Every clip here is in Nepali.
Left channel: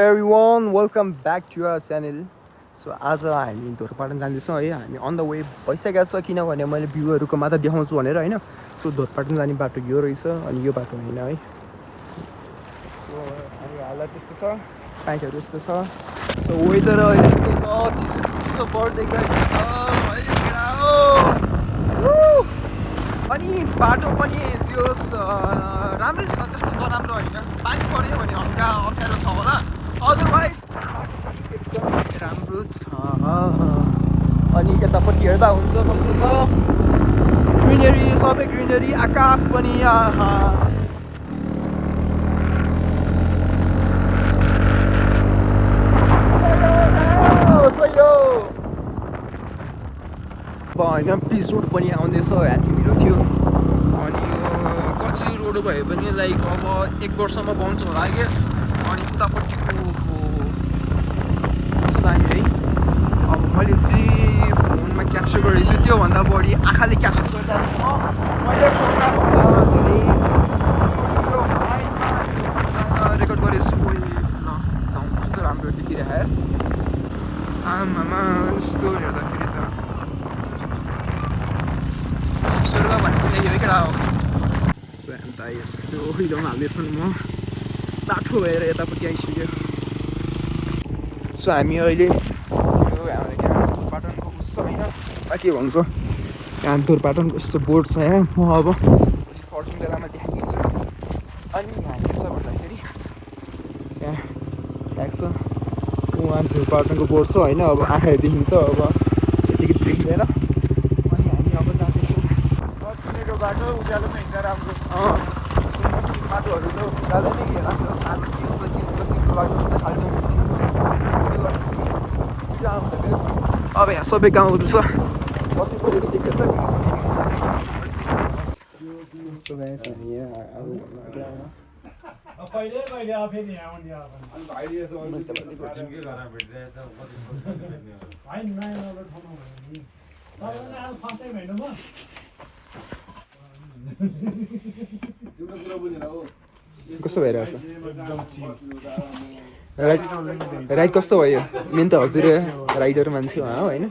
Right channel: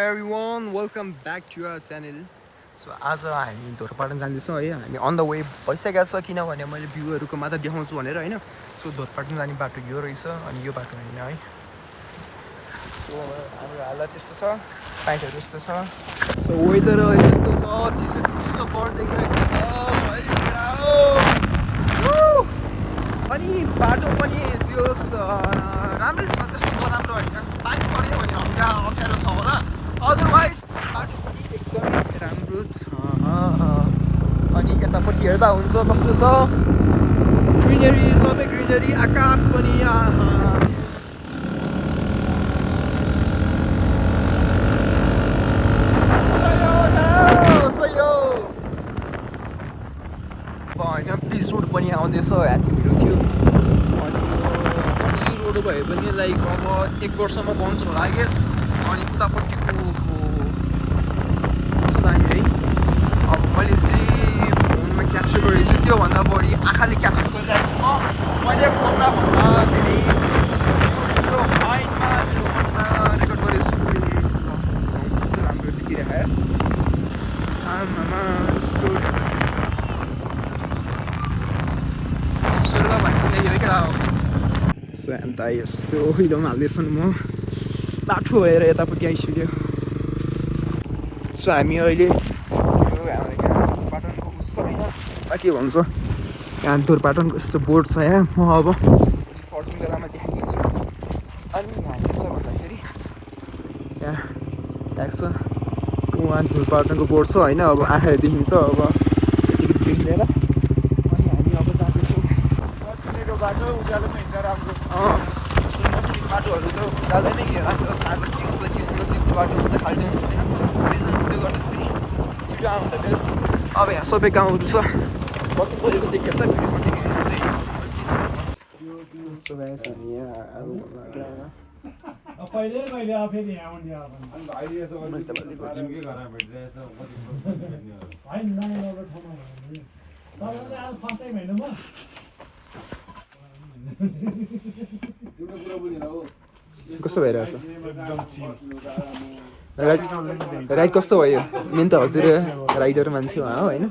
Everyone, welcome back to our channel. So आज हामी धोरपाटन जाँदैछौँ है हामी अन द वे भइसकेको छ किनभने मैले भ्यूहरूको मात्र देखाउँछु भनेर हैन सो धोरपाटन जाने बाटो यो रहेछ अनि यो बाटो हैन है सो हाम्रो हालत त्यस्तो छ पाइटहरू यस्तो छ सो वेदर अहिले यस्तो छ चिसो बढ्दै गएको छ अनि बाटो पनि जोस राम्रै छ त्यस्तो नराम्रो होइन बाइक पऱ्यो भने हल्का अप्ठ्यारो छ होला अदरवाइज राम्रो छ अनि यतापट्टि हेर्दा हुन्छ कस्तो छ ग्रिनरी सबै ग्रिनरी आकाश पनि होइन पिच रोड पनि आउँदैछ ह्याप्पी मिरो थियो अनि रोड भयो भने लाइक अब 1 वर्षमा बन्छ होला आई गेस अनि उतापट्टिको कस्तो दामी है अब मैले चाहिँ फोनमा क्याप्चर गरेको छु त्योभन्दा बढी आँखाले क्याप्चर गरिरहेको छु मैले फोनमा रेकर्ड गरेको छु कस्तो राम्रो देखिरहेको आमामा सो अन्त यस्तो हिलोमा हाल्दैछु नि म बाटो हेरेर यतापट्टि आइसक्यो सो हामी अहिले यो हाम्रो धुरपाटनको उस होइन के भन्छ यहाँ धुरपाटनको यस्तो बोर्ड छ यहाँ म अब फर्किङ बेलामा देखाइदिन्छु अनि यहाँ के छ भन्दाखेरि यहाँ ल्याएको छ उहाँ धुरपाटनको बोर्ड छ होइन अब आँखाले देखिन्छ अब टिकट देख्दैन अनि हामी अब जाँदैछौँ छुटेको बाटो उज्यालोमा हिँड्दा राम्रो बाटोहरू त उज्यालो नै हेर्नु साँझ के हुन्छ चिन्तो बाटो हुन्छ खालि छिटो आउँदैछ अब यहाँ सबै गाउँ छ देखेको छ कस्तो भइरहेछ राइड कस्तो भयो मेन त हजुर राइडर मान्छे हो होइन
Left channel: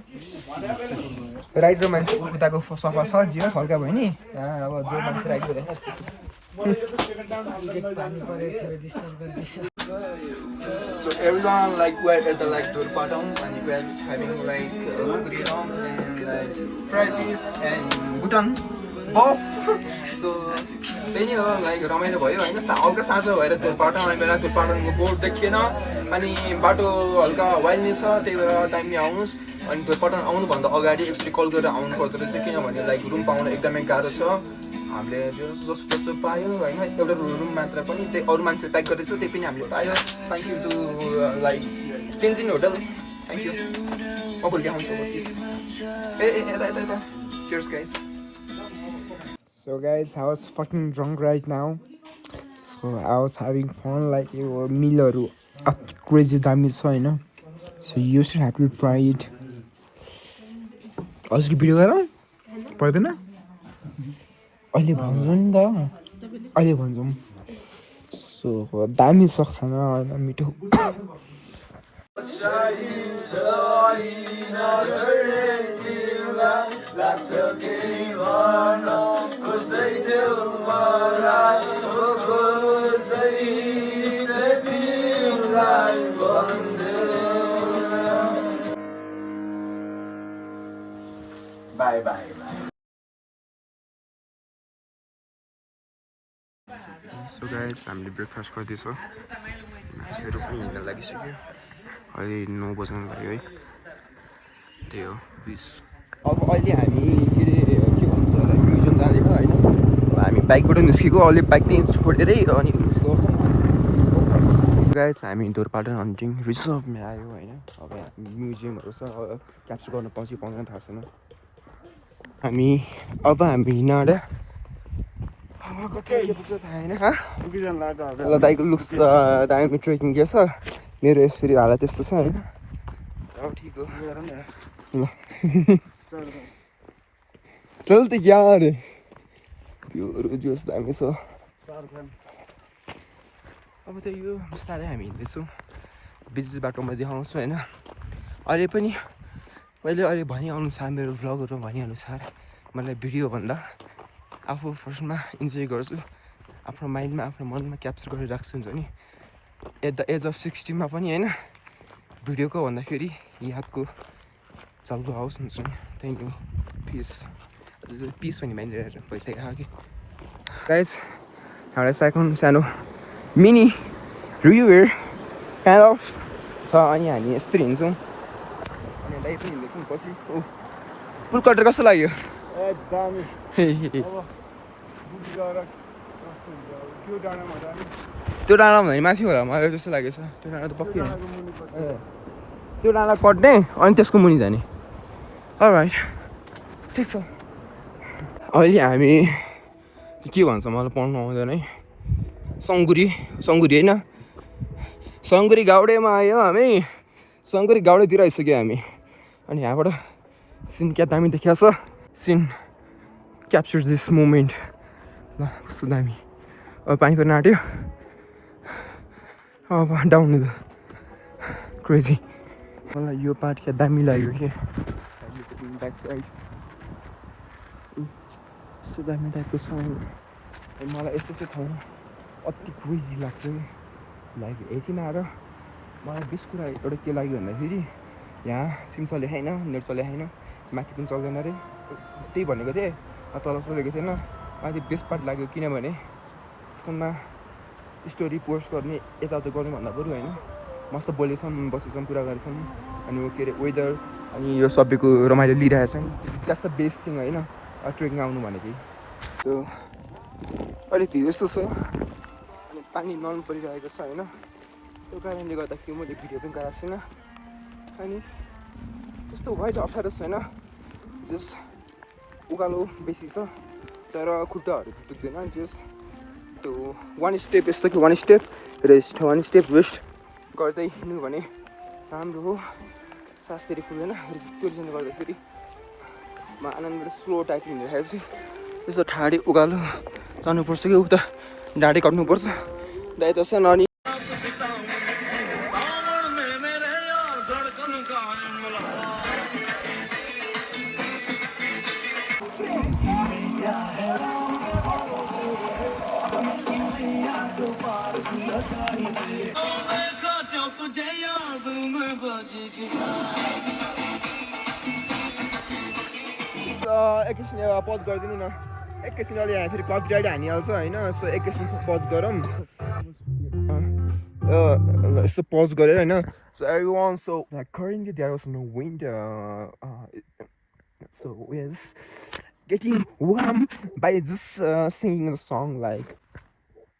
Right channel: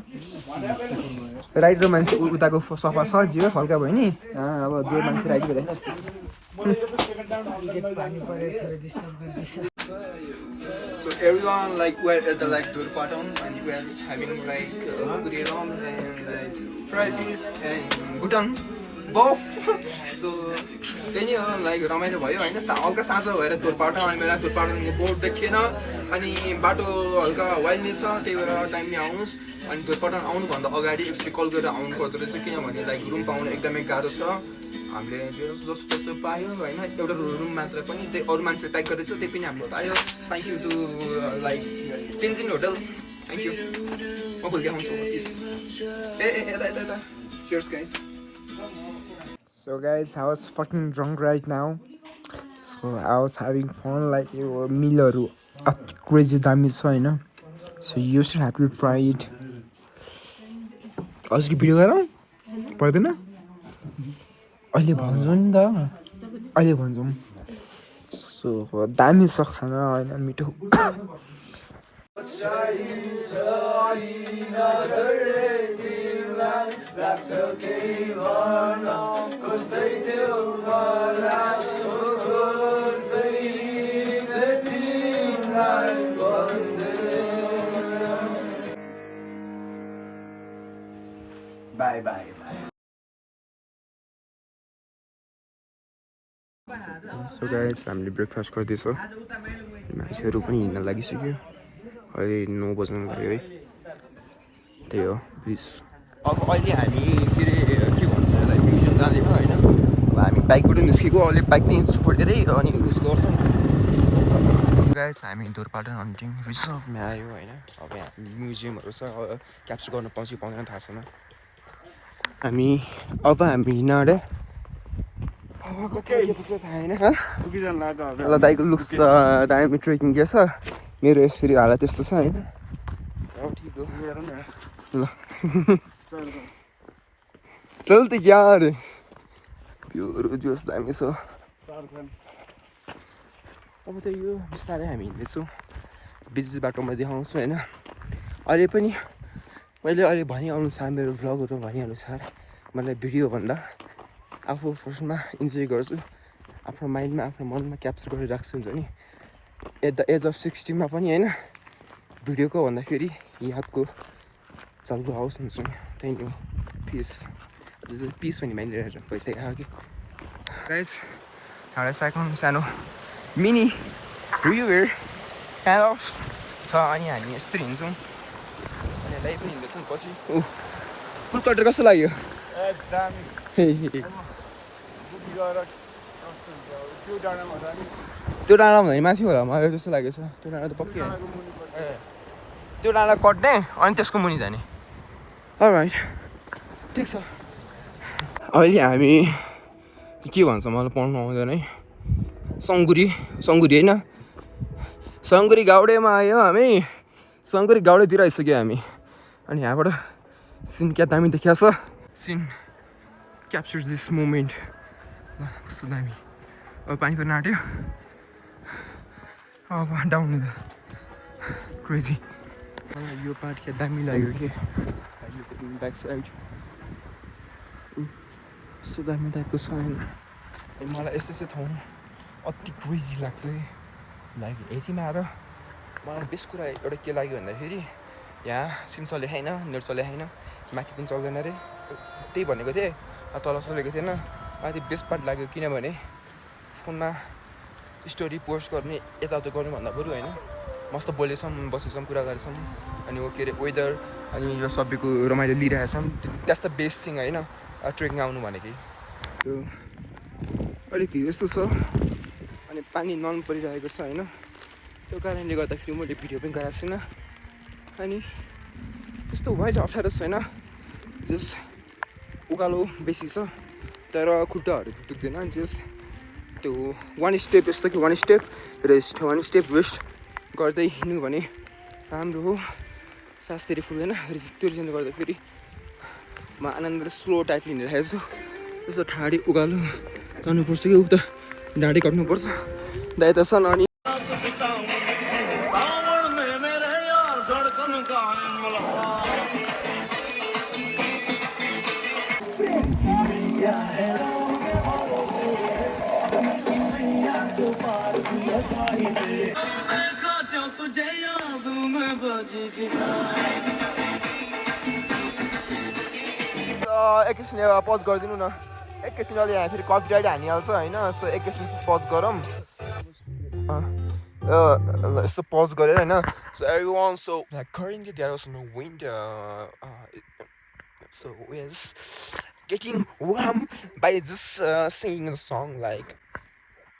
राइडर मान्छे उताको सफा छ जियोस् हल्का भयो नि अब जो मान्छे राइडर भयो त्यस्तो So everyone like we're at the like Durpatam and we are just having like Kuriram and like fried fish and butang both so त्यही हो लाइक रमाइलो भयो होइन हल्का साँझो भएर धुरपाटन आउने बेला धुरपाटनको बोर्ड देखिएन अनि बाटो हल्का वाइल्डनेस छ त्यही भएर टाइमले आउनुहोस् अनि धुरपाटन आउनुभन्दा अगाडि एकचोटि कल गरेर आउनु पर्दो रहेछ किनभने लाइक रुम पाउन एकदमै गाह्रो छ हामीले त्यो जस्तो त्यस्तो पायो होइन एउटा रुम मात्र पनि त्यही अरू मान्छेले प्याक गर्दैछ त्यही पनि हामीले पायो thank you to like Tenzin hotel thank you म भोलि देखाउँछु प्लिज ए यता cheers guys So guys, I was fucking drunk right now. So I was having fun like mealहरू crazy दामी छ हैन. So you should have to try it. अस्ति भिडियो गरे? पर्दैन? अहिले भन्छु नि त. अहिले भन्छु. So दामी छ खाना हैन मिठो. Bye bye. So guys, हामीले ब्रेकफास्ट गर्दैछौँ मान्छेहरू पनि हिँड्न लागिसक्यो अहिले 9 बज्न लाग्यो है त्यही हो प्लिज अब अहिले हामी फेरि के भन्छ लाइक म्युजियम जाँदैछ होइन अब हामी बाइकबाट निस्केको अहिले बाइक चाहिँ छोडेरै अनि युज गर्छौँ गाइस हामी धुरपाटन हन्टिङ रिजर्भमा आयो होइन अब म्युजियमहरू छ क्याप्चर गर्न पाउँछ पाउँदैन थाहा छैन हामी हिँडेर कति के पुग्छ थाहा होइन ल दाइको लुक्स त दाइको ट्रेकिङ के छ मेरो यसरी हालत त्यस्तो छ होइन अब ठिक हो ल चल त यार यो जोस दामी छ अब त यो बिस्तारै हामी हिँड्दैछौँ बिच बाटोमा देखाउँछु होइन। अहिले पनि मैले अहिले भनेअनुसार मेरो भ्लगहरू भनेअनुसार मलाई भिडियोभन्दा आफू फर्स्टमा इन्जोय गर्छु, आफ्नो माइन्डमा आफ्नो मनमा क्याप्चर गरेर राख्छु हुन्छ नि। एट द एज अफ 60 पनि होइन, भिडियोको भन्दाखेरि यादको चल्दो आओस् हुन्छ नि। Thank you, peace. पिस भन्ने माइन्ड भइसक्यो कि गाइस। हाम्रो सेकेन्ड सानो मिनी रिभ्यू काइन्ड अफ छ, अनि हामी यस्तरी हिँड्छौँ। अनि दाइ पनि हिँड्दैछ नि पछि। फुल कटर कस्तो लाग्यो? त्यो डाँडा भने माथि होला, मलाई जस्तो लागेको छ। त्यो डाँडा त पक्कै त्यो डाँडा कट्ने अनि त्यसको मुनि जाने। अलराइट, ठिक छ। अहिले हामी के भन्छ मलाई पढ्नु आउँदैन है। सङ्गुरी होइन, सङ्गुरी गाउडेमा आयो हामी। सङ्गुरी गाउडेतिर आइसक्यो हामी। अनि यहाँबाट सिन क्या दामी देखिया छ। Scene capture this moment. ल कस्तो दामी। अब पानी पनि आँट्यो। अब डाउन द क्रेजी। मलाई यो पार्ट क्या दामी लाग्यो कि ब्याक साइड यस्तो दामी टाइपको छ। मलाई यस्तो ठाउँ अति क्रेजी लाग्छ कि। लाइक यतिमा आएर मलाई बेस्ट कुरा एउटा के लाग्यो भन्दाखेरि यहाँ सिम चले छैन, नेट चले छैन, माथि पनि चल्दैन अरे। त्यही भनेको थिएँ, तल चलेको थिएन। मलाई बेस्ट पार्ट लाग्यो किनभने फोनमा स्टोरी पोस्ट गर्ने यताउता गर्नुभन्दा बरु होइन मस्त बोलेछौँ, बसेछौँ, कुरा गरेछौँ। अनि के अरे वेदर अनि यो सबैको रमाइलो लिइरहेछौँ। द्याट्स द बेस्ट थिङ होइन ट्रेकिङ आउनु भनेकै। त्यो अलिक यस्तो छ। अनि पानी नन परिरहेको छ होइन, त्यो कारणले गर्दाखेरि मैले भिडियो पनि गराएको छैन। अनि त्यस्तो वाइड अप्ठ्यारो छैन, जस उकालो बेसी छ तर खुट्टाहरू दुख्दैन। जस त्यो वान स्टेप यस्तो कि one step rest, one step waste गर्दै हिँड्नु भने राम्रो हो। सास धेरै फुल्दैन। त्यो रिजनले गर्दाखेरि म आनन्दले स्लो टाइपले हिँडिरहेको छु। त्यसो ठाडी उकालो चढ्नुपर्छ कि उता डाँडी काट्नुपर्छ दाइ त छन्। अनि एकैछिन पज गरिदिनु न। एकैछिन अलि यहाँ फेरि कपिराइट हानिहाल्छ होइन। सो एकैछिन पज गरौँ। यस्तो पज गरेर होइन। So everyone, so like currently there was no wind, so we are just getting warm by just singing the song. Like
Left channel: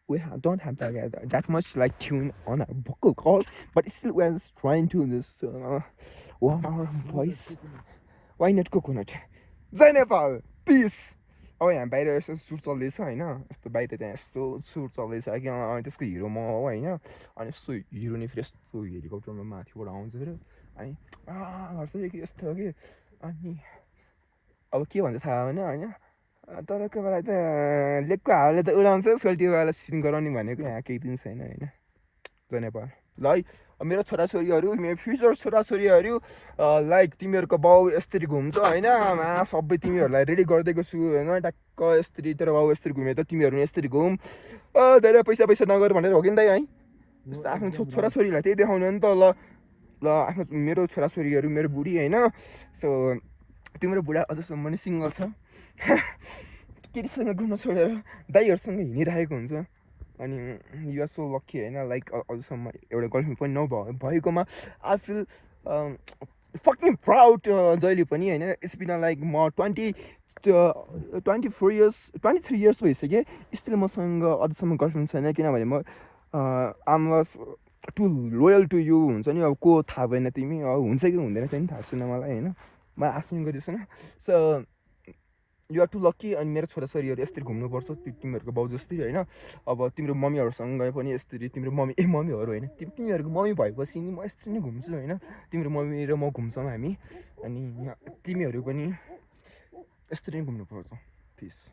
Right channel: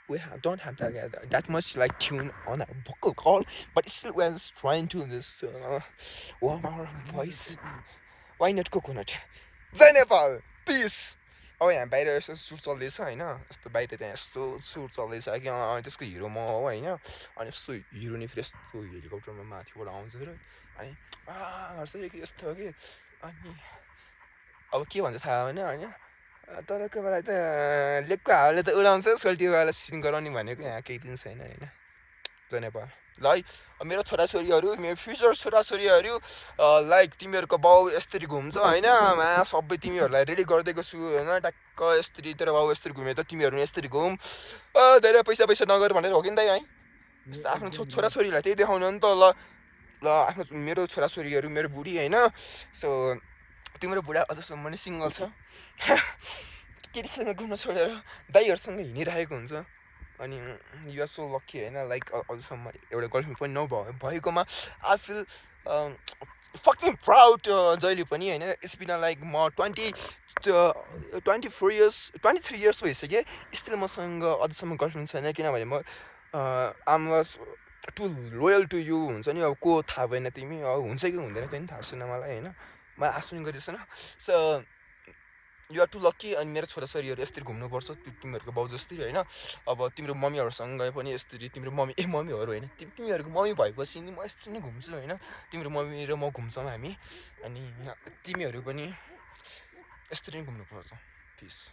we don't have that much like tune on our vocal cord, but still we are just trying to just warm our voice. Why not coconut? जय नेपाल, पिस। अब यहाँ बाहिर यस्तो सुट चल्दैछ होइन। यस्तो बाहिर त्यहाँ यस्तो सुट चल्दैछ कि त्यसको हिरो म हो होइन। अनि यस्तो हिरो नि फेरि यस्तो हेलिकप्टरमा माथिबाट आउँछ फेरि। अनि गर्छ कि यस्तो हो कि। अनि अब के भन्छ थाहा होइन होइन। तपाईँको बेला त लेकको हावाले त उडाउँछ, सोल्टीको बेला सिन गराउने भनेको यहाँ केही पनि छैन होइन। जय नेपाल। ल है मेरो छोराछोरीहरू, मेरो फ्युचर छोराछोरीहरू, लाइक तिमीहरूको बाउ यस्तरी घुम्छ होइन। सबै तिमीहरूलाई रेडी गरिदिएको छु होइन। टक्क यस्तरी तेरो बाउ यस्तरी घुमे त तिमीहरू पनि यस्तरी घुम। धेरै पैसा नगर भनेर हो कि नि त है। यस्तो आफ्नो छोराछोरीलाई त्यही देखाउनु नि त। ल आफ्नो मेरो छोराछोरीहरू, मेरो बुढी होइन। सो तिम्रो बुढा अझसम्म पनि सिङ्गल छ। केटीसँग घुम्न छोडेर दाइहरूसँग हिँडिरहेको हुन्छ। अनि युआर सो लक्की होइन। लाइक अझसम्म एउटा गर्लफ्रेन्ड पनि नभएकोमा आई फिल फकिङ प्राउड। जहिले पनि होइन। इट्स बिन लाइक म 23 इयर्स भइसक्यो, स्टिल मसँग अझसम्म गर्लफ्रेन्ड छैन। किनभने म I'm was too loyal to you हुन्छ नि। अब को थाहा भएन, तिमी हुन्छ कि हुँदैन पनि थाहा छैन मलाई होइन। मलाई आश पनि गरिरहेको छैन। So you're too lucky. अनि मेरो छोराछोरीहरू यसरी घुम्नुपर्छ तिमीहरूको बाउ जस्तै होइन। अब तिम्रो मम्मीहरूसँग पनि यसरी, तिम्रो मम्मीहरू होइन, तिमीहरूको मम्मी भएपछि नि म यसरी नै घुम्छु होइन। तिम्रो मम्मी र म घुम्छौँ हामी। अनि तिमीहरू पनि यसरी नै घुम्नुपर्छ। पिस।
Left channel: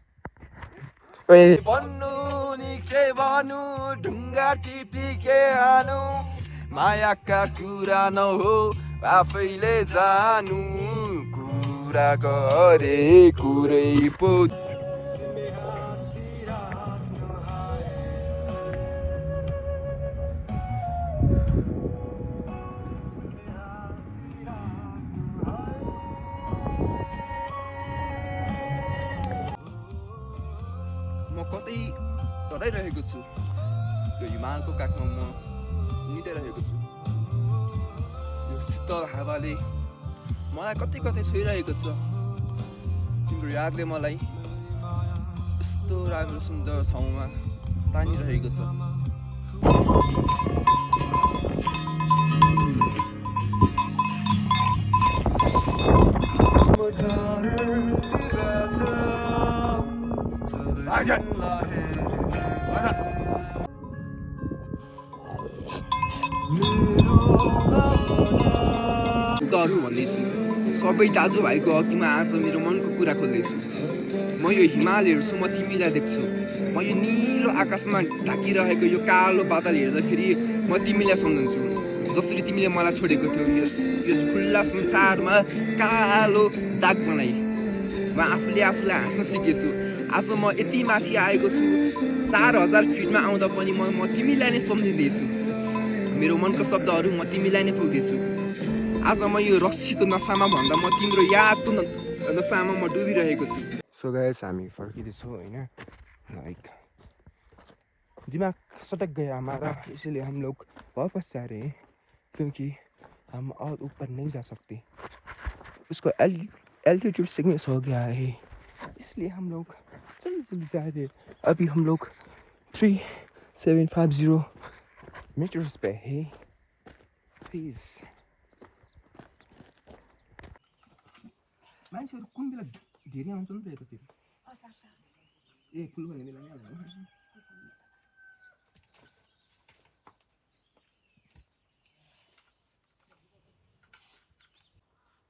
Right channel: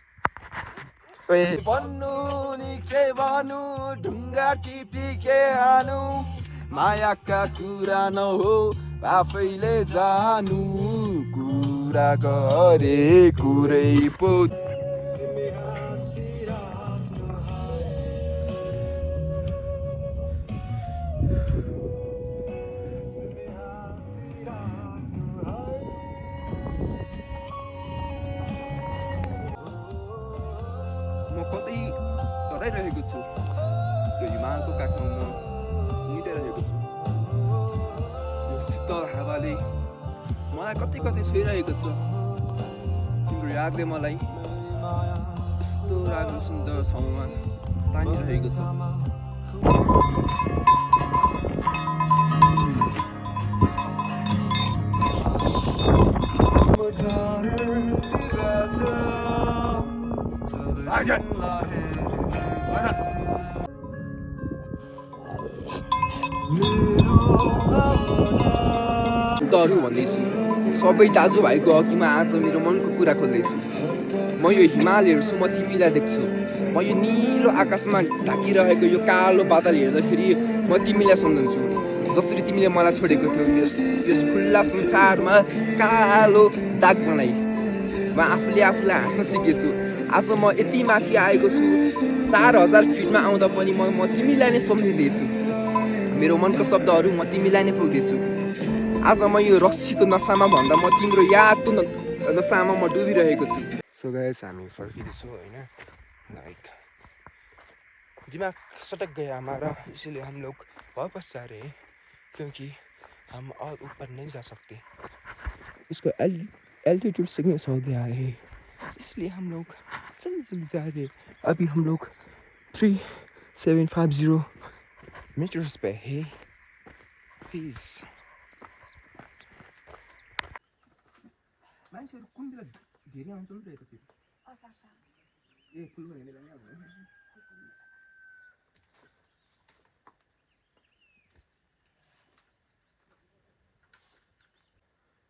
भन्नु नि के भन्नु, ढुङ्गा टिपी के हानु, मायाका कुरा नहो आफैले जानु कुरा गरे कुरै पो म कतै डराइरहेको छु यो हिमालको काखमा म निदाइरहेको छु यो शीतल हावाले मलाई कतै कतै छोइरहेको छ तिम्रो यादले मलाई यस्तो राम्रो सुन्दर ठाउँमा तानिरहेको छ दरु भन्दैछु सबै दाजुभाइको अघिमा आज मेरो मनको कुरा खोल्दैछु म यो हिमाल हेर्छु म तिमीलाई देख्छु म यो निलो आकाशमा ढाकिरहेको यो कालो बादल हेर्दाखेरि म तिमीलाई सम्झन्छु जसरी तिमीले मलाई छोडेको थियौ यस खुल्ला संसारमा कालो दाग बनाई म आफूले आफूलाई हाँस्न सिकेछु आज म यति माथि आएको छु 4000 फिटमा आउँदा पनि म तिमीलाई नै सम्झिँदैछु मेरो मनको शब्दहरू म तिमीलाई नै पुग्दैछु आज म यो रक्सीको नसामा भन्दा म तिम्रो यादको नसामा म डुबिरहेको छु सो गाइस हामी फर्किँदैछौँ होइन लाइक दिमाग सटक गया हमारा इसलिए हम लोग वापस जा रहे हैं क्योंकि हम और ऊपर नहीं जा सकते उसको एल्टीट्यूड सिकनेस हो गया है इसलिए हम लोग जल्दी जा रहे हैं अभी हम लोग 3750 मीटर्स पे है प्लिज मान्छेहरू कुन बेला धेरै आउँछ नि त यतातिर ए फुल भन्ने बेला के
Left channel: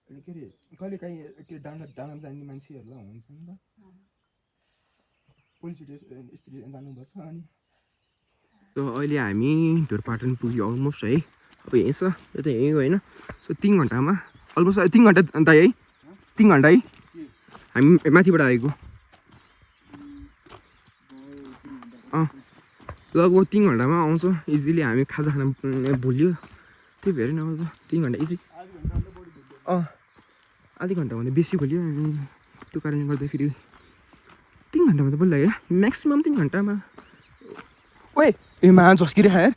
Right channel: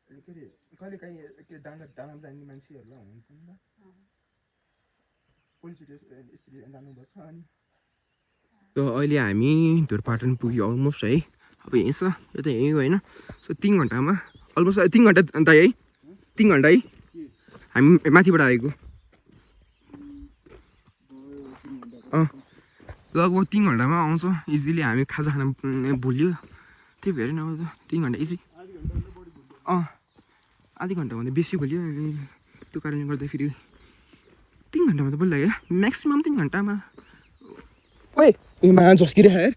अरे कहिले काहीँ त्यो डाँडा जाने मान्छेहरू हुन्छ नि त पोलिचोटि यस्तरी जानुपर्छ अनि अहिले हामी धुरपाटन पुग्यो अलमोस्ट है अब यहीँ छ यो त यहीँ होइन सो 3 घन्टामा अलमोस्ट 3 घन्टा अन्त है 3 घन्टा है हामी माथिबाट आएको लगभग 3 घन्टामा आउँछ इजिली हामी खाजा खान भुल्यो त्यही भएर नि अब 3 घन्टा इजी आधी घन्टाभन्दा बेसी भुल्यो त्यो कारणले गर्दाखेरि 3 घन्टामा त बल्ल लाग्यो म्याक्सिमम् 3 घन्टामा ओए ए मा झस्किरे खाए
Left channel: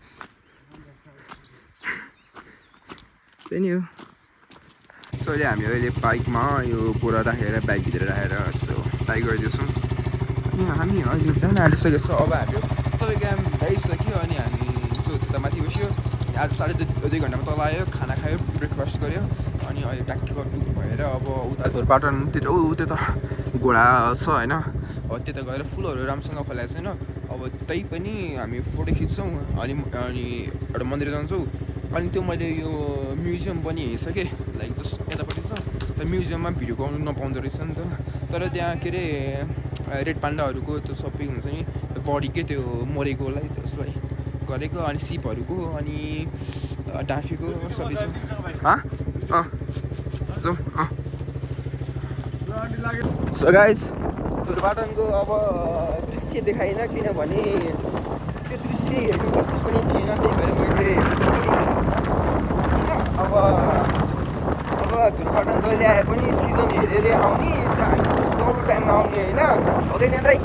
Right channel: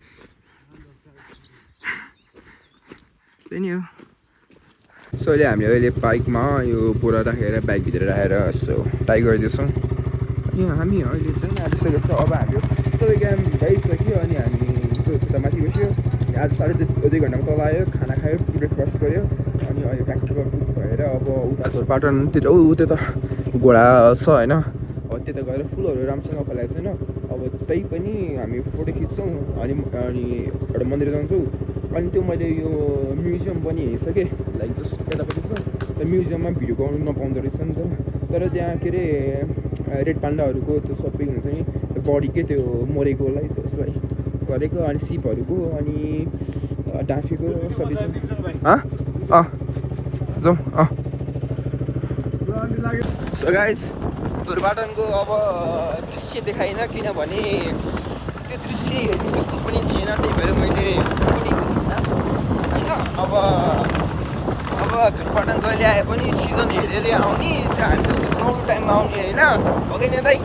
त्यही नि हो सो अहिले हामी अहिले बाइकमा यो बोरा राखेर बाइकभित्र राखेर सो ट्राई गरिदिन्छौँ अनि हामी अहिले जान आँटिसकेको छौँ अब हाम्रो सबै काम भइसक्यो अनि हामी सो त्यता माथि बस्यो आज 2.5 घन्टामा तल आयो खाना खायो ब्रेकफास्ट गऱ्यो अनि अहिले ट्याक्टर बुक भएर अब उता धुरपाटनतिर उतै त घोडा छ होइन अब त्यता गएर फुलहरू राम्रोसँग फैलाएको छैन अब त्यही पनि हामी फोटो खिच्छौँ अनि एउटा मन्दिर जान्छौँ अनि त्यो मैले यो म्युजियम पनि हेरिसकेँ लाइक जस्ट यतापट्टि छ र म्युजियममा भिडियो गर्नु नपाउँदो रहेछ नि त तर त्यहाँ के अरे रेड पान्डाहरूको त्यो सबै हुन्छ नि बडीकै त्यो मरेकोलाई त्यसलाई गरेको अनि सिपहरूको अनि डाँफेको सबै छ जाउँ सो गाइस धुरपाटनको अब दृश्य देखाइन किनभने त्यो दृश्य हेर्नु जस्तो पनि थिएन त्यही भएर मैले अब धुरपाटन जहिले आए पनि सिजन हेरेर आउने जस्तो लोडो टाइममा आउने होइन अघि नै दाइ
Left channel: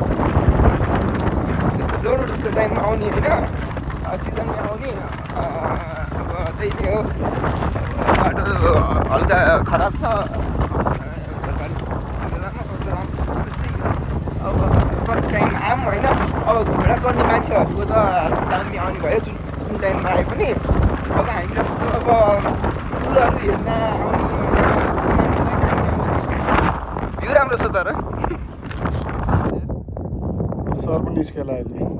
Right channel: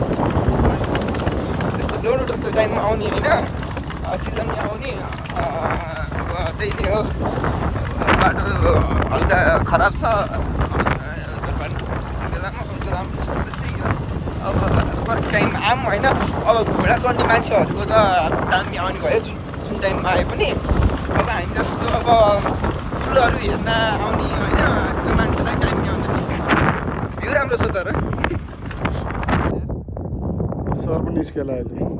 त्यस्तो लोडो टाइममा आउने होइन सिजनमा आउने त्यही नै हो बाटो हल्का खराब छ आम होइन अब घोडा चढ्ने मान्छेहरूको त टाइमले आउने भयो जुन टाइममा आए पनि अब हामी जस्तो अब फुलहरू हेर्न आउने होइन त्यो मान्छेलाई टाइमले आउँदैन यो राम्रो छ तर सर पनि निस्केला अहिले